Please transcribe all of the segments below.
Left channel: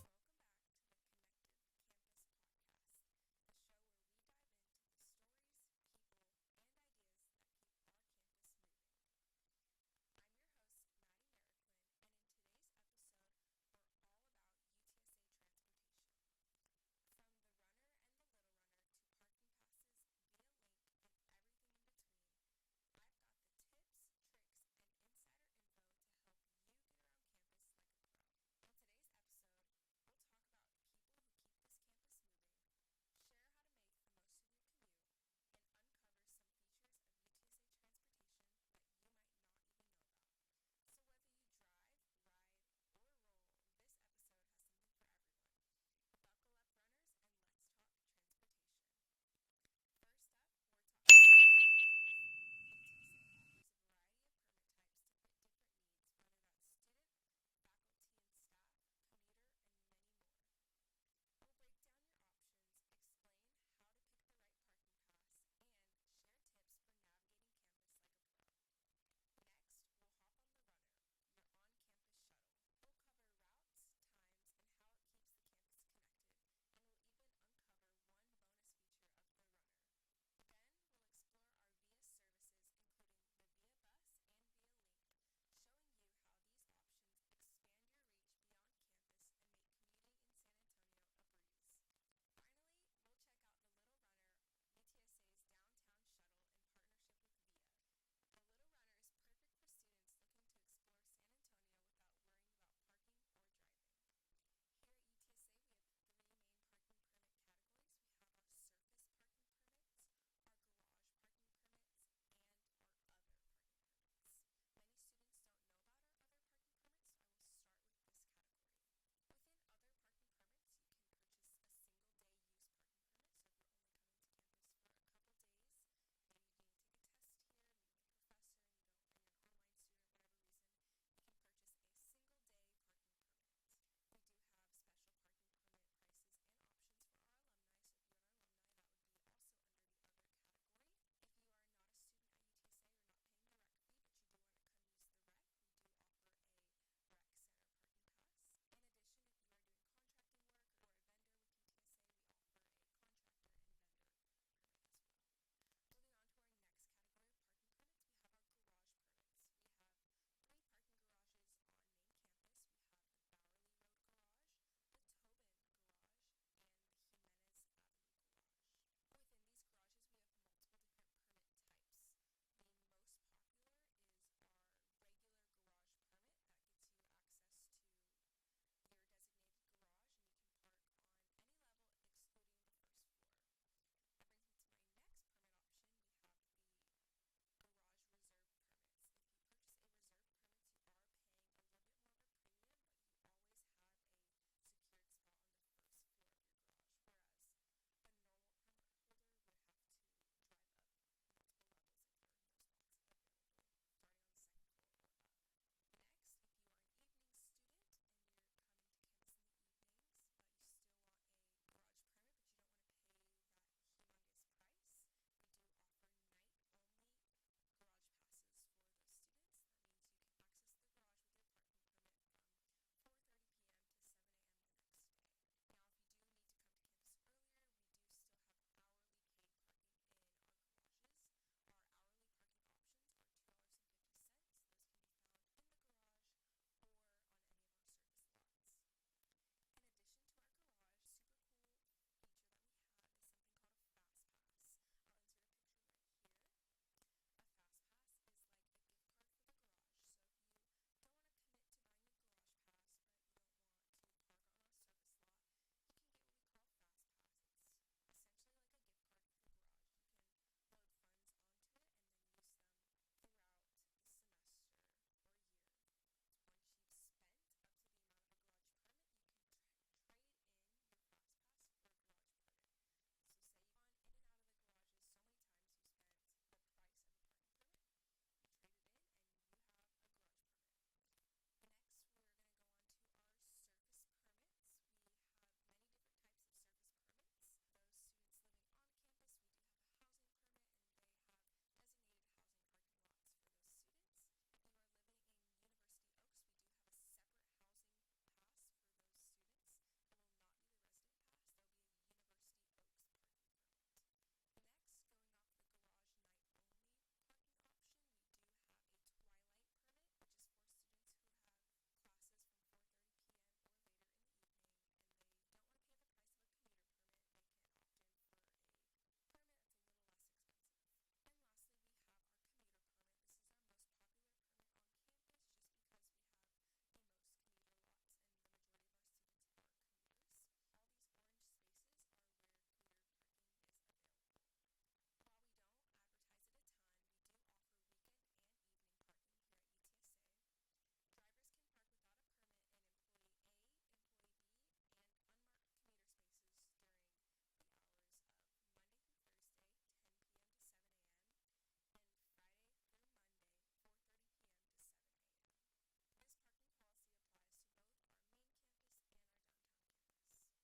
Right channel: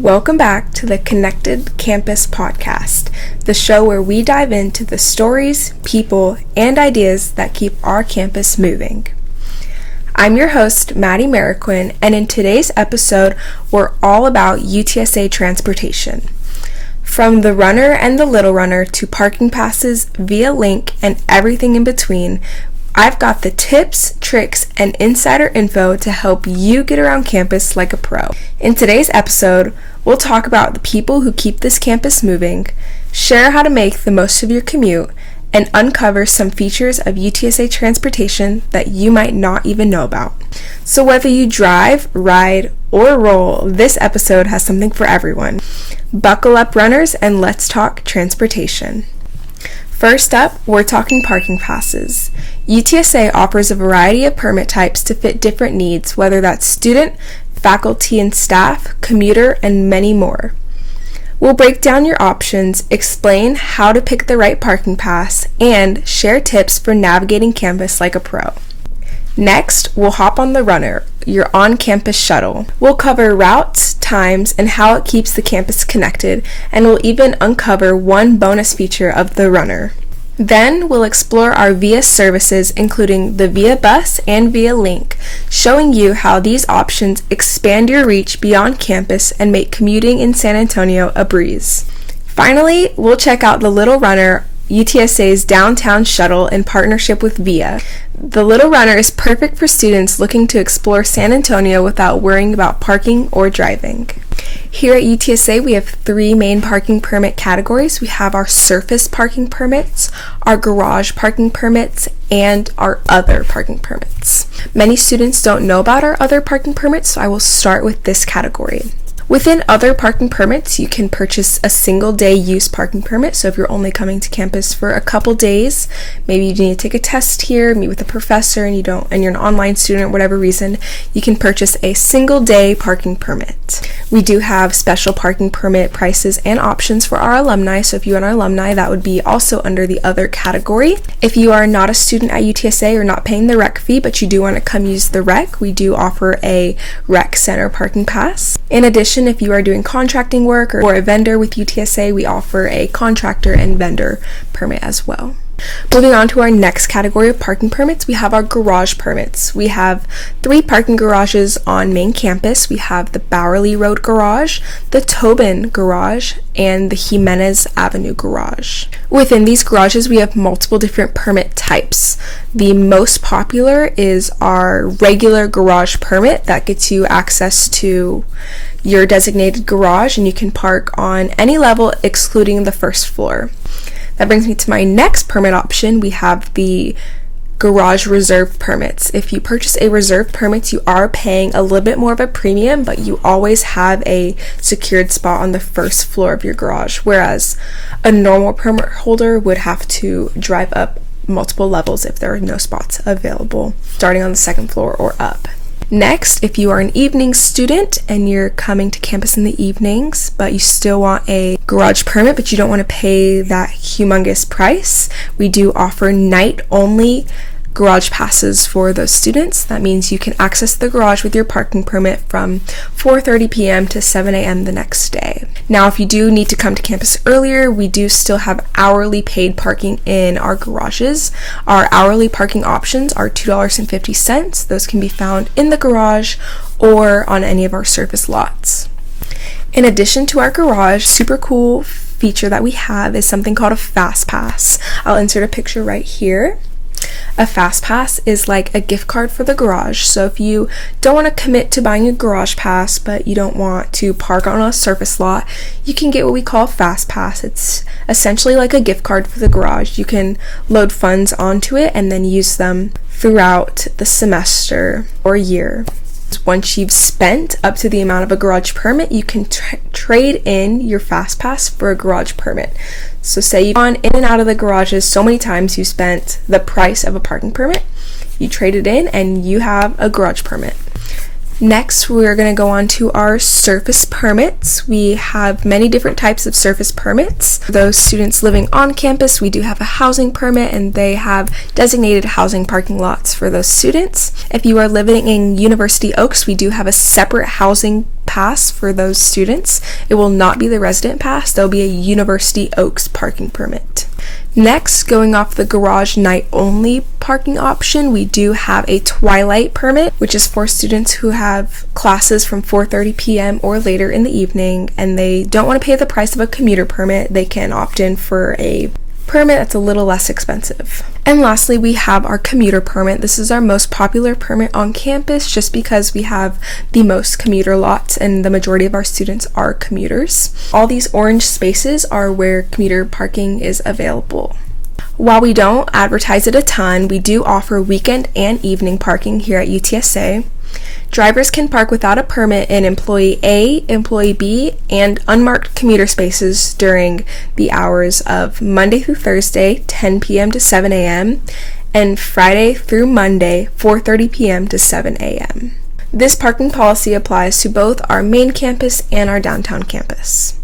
Welcome back to the Connected Campus podcast, the show where we dive into the stories, people, and ideas that keep our campus moving. I'm your host, Maddie Marroquin, and in today's episode, we're all about UTSA transportation. From the runner and the little runner to parking passes, via link, and everything in between, I've got the tips, tricks, and insider info to help you get around campus like a pro. In today's episode, we'll talk about the people who keep this campus moving, share how to make the most of your commute, and uncover some features of UTSA transportation that you might not even know about. So whether you drive, ride, or roll, this episode has something for everyone. Buckle up, runners, and let's talk transportation. First up, we're talking parking passes. UTSA offers a variety of permit types to fit different needs, whether that's student, faculty and staff, commuter, and many more. We'll break down your options, explain how to pick the right parking pass, and share tips for navigating campus like a pro. Next, we'll hop on the Runner, your on-campus shuttle. We'll cover routes, times, and how it keeps the campus connected, and we'll even uncover one bonus feature of the Runner. Then we'll explore our VIA services, including the VIA Bus and VIA Link, showing you how these options expand your reach beyond campus and make commuting in San Antonio a breeze. Finally, we'll check out the Little Runner, UTSA's downtown shuttle in partnership with VIA. The Little Runner is perfect for students looking to explore San Antonio without worrying about parking or driving. Here at UTSA, we have three main parking permit categories. We have our surface parking permits, our garage parking permits, and our other parking permits. Many students don't know about our other parking permits, so I will start with this category. Within other parking permits, you can purchase a single day use parking permit. So if you're only coming to campus for a couple days, maybe you need to take a test here, meet with a professor, and you're an online student, or whatever reason, you can purchase a single day parking permit. We do have special parking permit prices and options for our alumni. So if you are an alumni, that would be also under the other category. If you are not a student at UTSA or not paying the rec fee, but you do want to come use the rec, we do offer a rec center parking pass. In addition, if you are doing contracting work or a vendor with UTSA, we offer a contractor and vendor permit as well. Moving on to our next category of parking permits, we have our garage permits. We have 3 parking garages on main campus. We have the Bowerly Road Garage, the Tobin Garage, and the Jimenez Avenue Garage. Within these garages, we have multiple different permit types. The most popular is our regular garage permit that gets you access to your designated garage, and you can park on any level excluding the first floor. That brings me to my next permit option. We have the garage reserve permits. If you purchase a reserve permit, you are paying a little bit more of a premium, but you always have a secured spot on the first floor of your garage, whereas a normal permit holder would have to drive up multiple levels if there are no spots available, starting on the second floor or up. Next, if you are an evening student and you're coming to campus in the evenings, but you still want a garage permit, but you don't want to pay that humongous price, we do offer night-only garage passes for those students. That means you can access the garage with your parking permit from 4:30 p.m. to 7 a.m. the next day. Now, if you do need to come to campus earlier, we do still have hourly paid parking in our garages. Our hourly parking options are $2.50. Those can be found in the garage or on any of our surface lots. In addition to our garage, super cool feature that we have is something called a Fast Pass. I'll insert a picture right here. A Fast Pass is like a gift card for the garage. So if you don't want to commit to buying a garage pass, but you don't want to park on a surface lot, you can get what we call a Fast Pass. It's essentially like a gift card for the garage. You can load funds onto it and then use them throughout the semester or year. Once you've spent up to the amount of a garage permit, you can trade in your Fast Pass for a garage permit. So say you've gone in and out of the garages so many times you spent the price of a parking permit, you trade it in and you have a garage permit. Next, we're going to go on to our surface permits. We have many different types of surface permits. For those students living on campus, we do have a housing permit, and they have designated housing parking lots for those students. If you are living in University Oaks, we do have a separate housing pass for those students. It will not be the resident pass. There'll be a University Oaks parking permit. Next, going off the garage night only parking option, we do have a twilight permit, which is for students who have classes from 4:30 p.m. or later in the evening, and they don't want to pay the price of a commuter permit. They can opt in for a permit that's a little less expensive. And lastly, we have our commuter permit. This is our most popular permit on campus just because we have the most commuter lots and the majority of our students are commuters. All these orange spaces are where commuter parking is available. While we don't advertise it a ton, we do offer weekend and evening parking here at UTSA. Drivers can park without a permit in Employee A, Employee B, and unmarked commuter spaces during the hours of Monday through Thursday, 10 p.m. to 7 a.m., and Friday through Monday, 4:30 p.m. to 7 a.m. This parking policy applies to both our main campus and our downtown campus.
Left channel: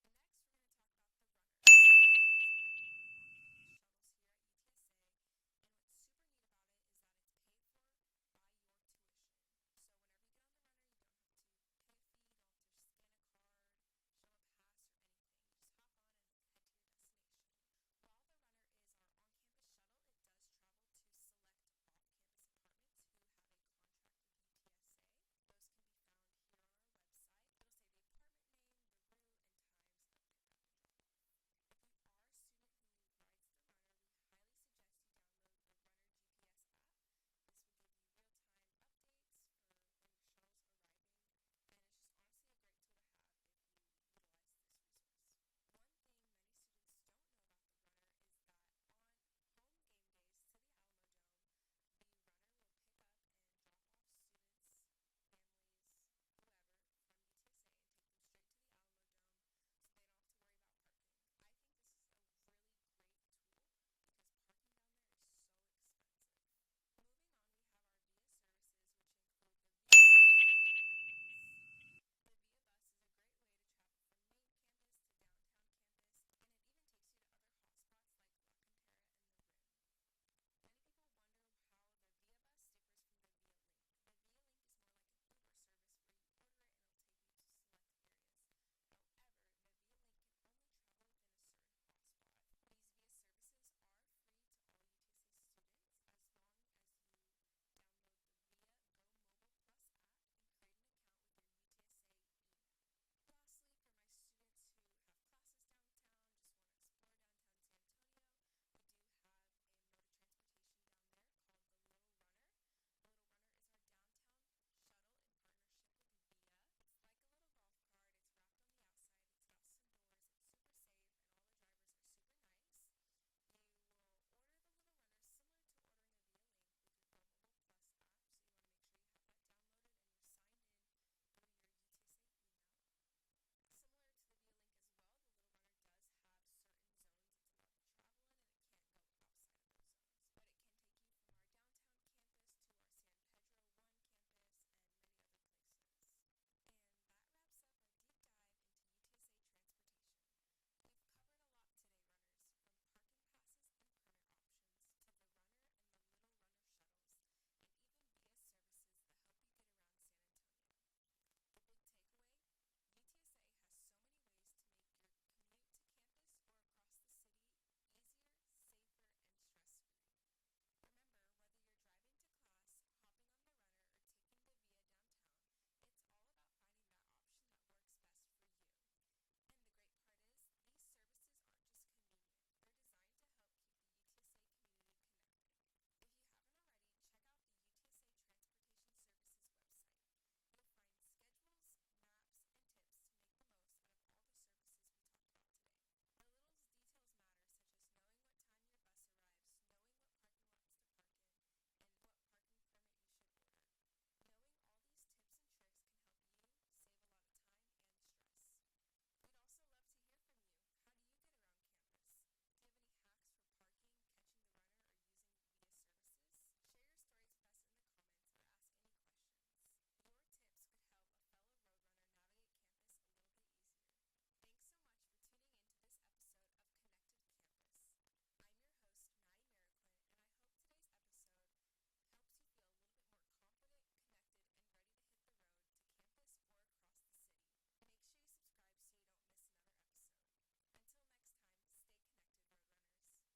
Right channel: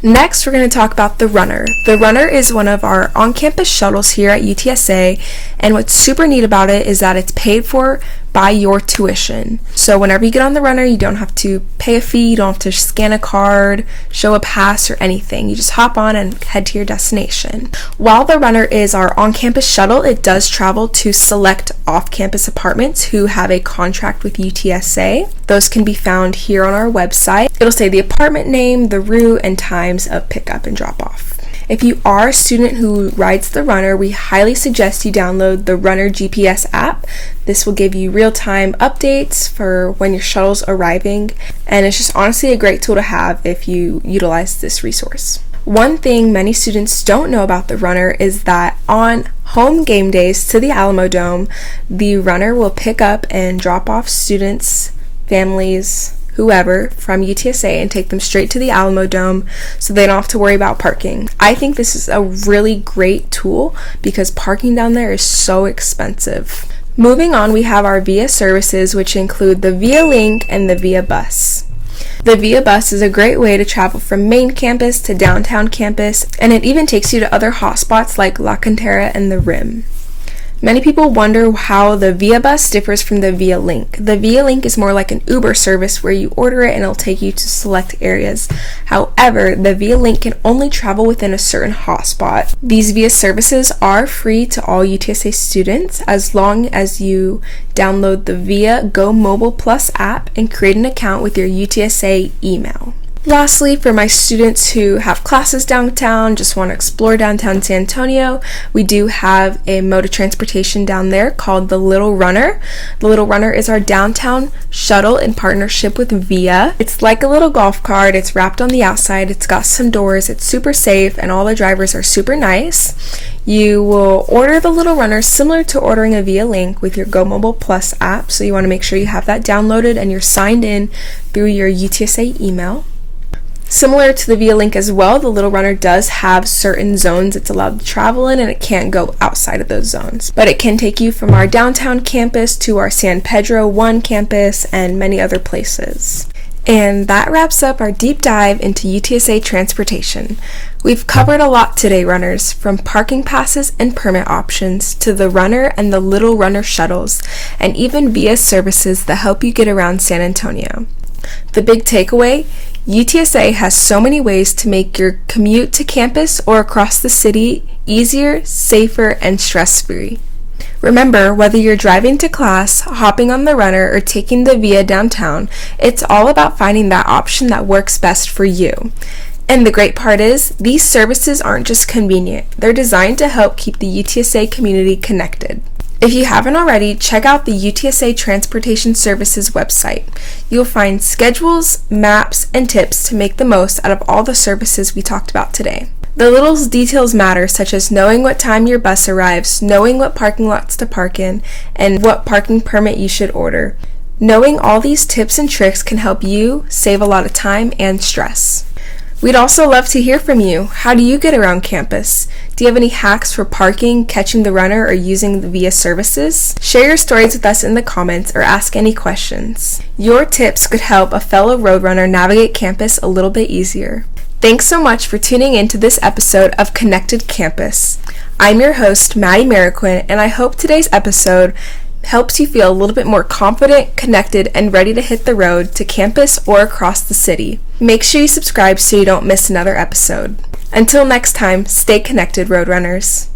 Next, we're going to talk about the Runner. The Runner is one of our on-campus shuttles here at UTSA, and what's super neat about it is that it's paid for by your tuition. So whenever you get on the Runner, you don't have to pay a fee, you don't have to scan a card, show a pass, or anything. You just hop on and head to your destination. While the Runner is our on-campus shuttle, it does travel to select off-campus apartments who have a contract with UTSA. Those can be found here on our website. It'll say the apartment name, the route, and times of pickup and drop-off. If you are a student who rides the Runner, we highly suggest you download the Runner GPS app. This will give you real-time updates for when your shuttle's arriving, and it's just honestly a great tool to have if you utilize this resource. One thing many students don't know about the Runner is that on home game days to the Alamodome, the Runner will pick up and drop off students, families, whoever from UTSA and take them straight to the Alamodome so they don't have to worry about parking. I think this is a really great tool because parking down there is so expensive. Moving on, we have our VIA services, which include the VIA Link and the VIA Bus. The VIA Bus is a great way to travel from main campus to downtown campus, and it even takes you to other hotspots like La Cantera and the Rim. Many people wonder how the VIA Bus differs from the VIA Link. The VIA Link is more like an Uber service where you order it and it'll take you to select areas. However, the VIA Link can only travel within a certain hotspot. These VIA services are free to all UTSA students as long as you download the VIA Go Mobile Plus app and create an account with your UTSA email. Lastly, for my students who have classes downtown, just want to explore downtown San Antonio, we do have a mode of transportation down there called the Little Runner. The Little Runner is our downtown shuttle in partnership with VIA. It's like a little golf cart. It's wrapped on the outside. It's got some doors. It's super safe, and all the drivers are super nice. You will order the Little Runner similar to ordering a VIA Link with your Go Mobile Plus app, so you want to make sure you have that downloaded and you're signed in through your UTSA email. Similar to the VIA Link as well, the Little Runner does have certain zones it's allowed to travel in, and it can't go outside of those zones. But it can take you from our downtown campus to our San Pedro 1 campus and many other places. And that wraps up our deep dive into UTSA transportation. We've covered a lot today, runners, from parking passes and permit options to the Runner and the Little Runner shuttles, and even VIA services that help you get around San Antonio. The big takeaway: UTSA has so many ways to make your commute to campus or across the city easier, safer, and stress-free. Remember, whether you're driving to class, hopping on the Runner, or taking the VIA downtown, it's all about finding that option that works best for you. And the great part is, these services aren't just convenient, they're designed to help keep the UTSA community connected. If you haven't already, check out the UTSA Transportation Services website. You'll find schedules, maps, and tips to make the most out of all the services we talked about today. The little details matter, such as knowing what time your bus arrives, knowing what parking lots to park in, and what parking permit you should order. Knowing all these tips and tricks can help you save a lot of time and stress. We'd also love to hear from you. How do you get around campus? Do you have any hacks for parking, catching the runner, or using the VIA services? Share your stories with us in the comments or ask any questions. Your tips could help a fellow Roadrunner navigate campus a little bit easier. Thanks so much for tuning in to this episode of Connected Campus. I'm your host, Maddie Marroquin, and I hope today's episode helps you feel a little bit more confident, connected, and ready to hit the road to campus or across the city. Make sure you subscribe so you don't miss another episode. Until next time, stay connected, Roadrunners.